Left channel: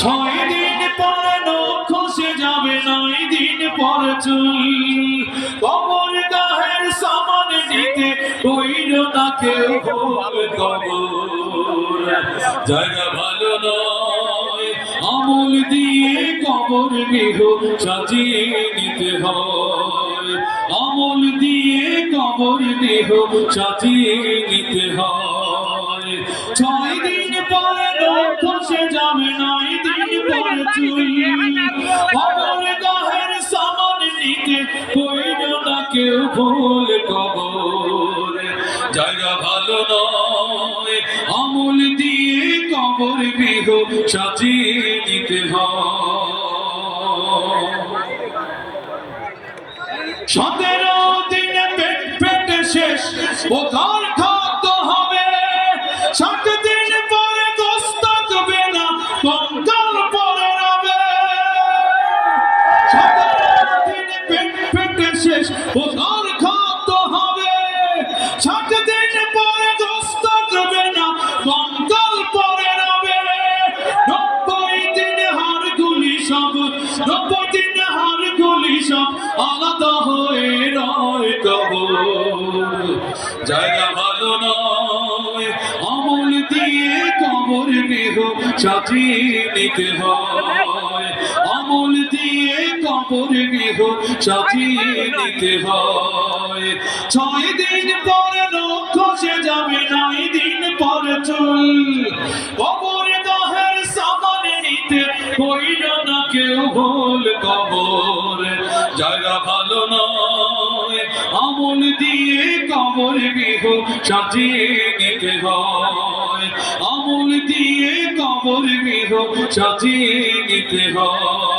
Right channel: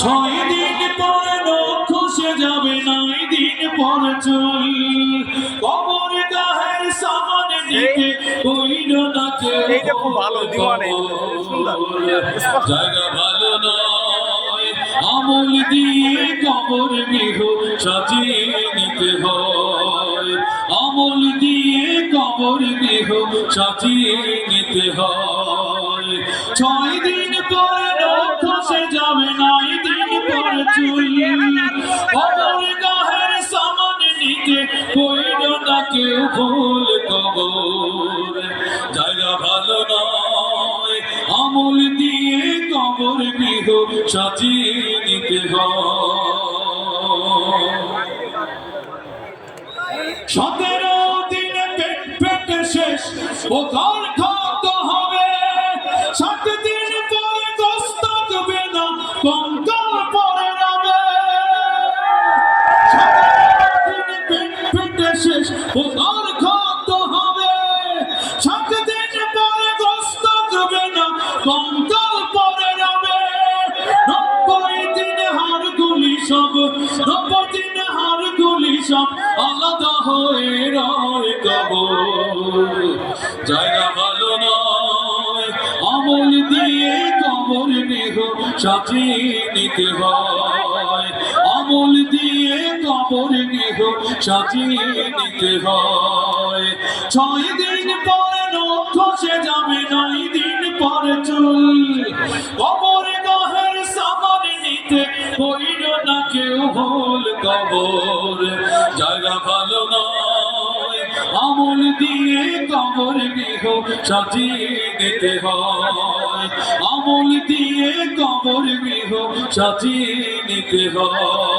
ছয় দিন পরে নখ যাবে, নয় দিন পর চুল। কবর গাহের সামান নিতে কইল না জায়গা ভালো নয়, আমল দিয়ে কবর গৃহ সাজিয়ে নিতে হয়। আমল দিয়ে কবর গৃহ সাজিয়ে নিতে হয়। ছয় দিন পরে যাবে নয় দিন পরে কবর গাহের সামান নিতে কেউ ভুল জায়গা ভালো নয়, আমল দিয়ে কবর গৃহ সাজিয়ে নিতে হয়। দিনে পেট পেটে শেষ, ও শেষ। ঘর খাদ্য হবে। ষাট দিন পরে গোস্ত দেবে না কঙ্কাল পরে রবে। নব্বই দিনে হাড়গুলি সব, নব্বই দিনে হাড়গুলি সব আলাদা হয়ে রয় কবর। জায়গা ভালো নয়, আমল দিয়ে কবর গৃহ সাজিয়ে নিতে হয়। আমল দিয়ে কবর গৃহ সাজিয়ে নিতে হয়। ছয় দিন পরে লোক খসে যাবে, নয় দিন পরে চুল। কবর গহের সামনে নিতে কইল না কেউ ভুল কবর। জায়গা ভালো নয়, আমল দিয়ে কবর গৃহ সাজিয়ে নিতে হয়। আমল দিয়ে কবর গৃহ সাজিয়ে নিতে হয়।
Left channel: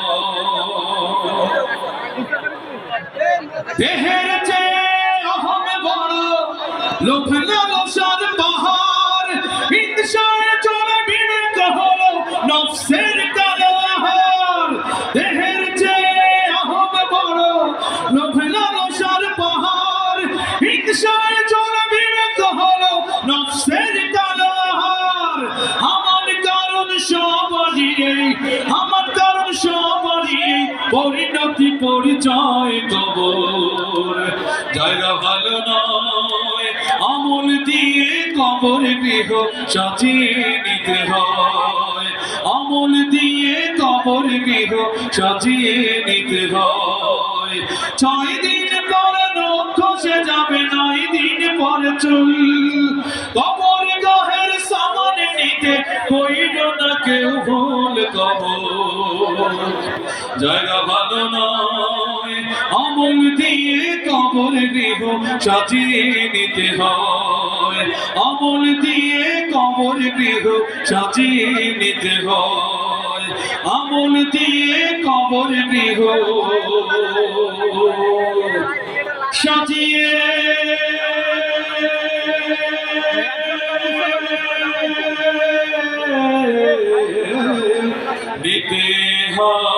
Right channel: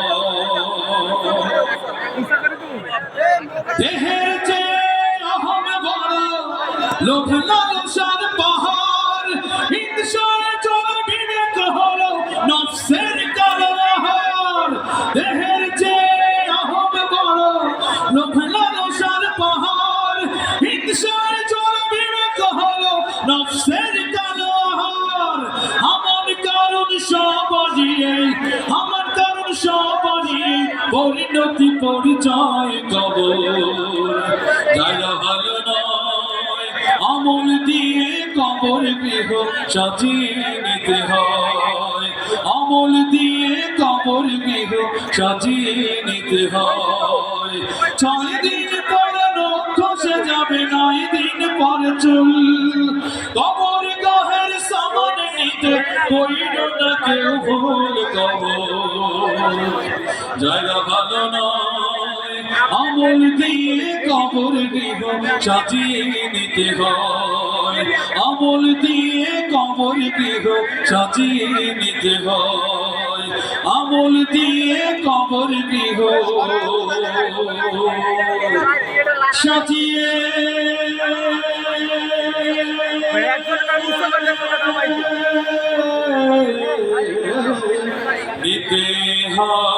দেহের চেয়ে অহম বড় লোভ লালসার পাহাড়। হিংসায় চলে বিবেক হলো নফসের কালাহার দেহের চেয়ে অহম বড় লোভ লালসার পাহাড়। হিংসায় চলে বিবেক হলো নফসের কালাহার আমার কারণ সব আমার কারণ সব পরিণতি পরিচয় কবর। জায়গা ভালো নয়, আমল দিয়ে কবর গৃহ সাজিয়ে নিতে হয়। আমল দিয়ে কবর গৃহ সাজিয়ে নিতে হয়। ছয় দিন পরে খসে যাবে, নয় দিন পরে চুল। কবর নিতে কইল না কেউ ভুল কবর জায়গা ভালো নয়, আমল দিয়ে কবর গৃহ সাজিয়ে নিতে হয়। আমল দিয়ে কবর গৃহ সাজিয়ে নিতে হয়। আমল দিয়ে কবর গৃহ সাজিয়ে Vidha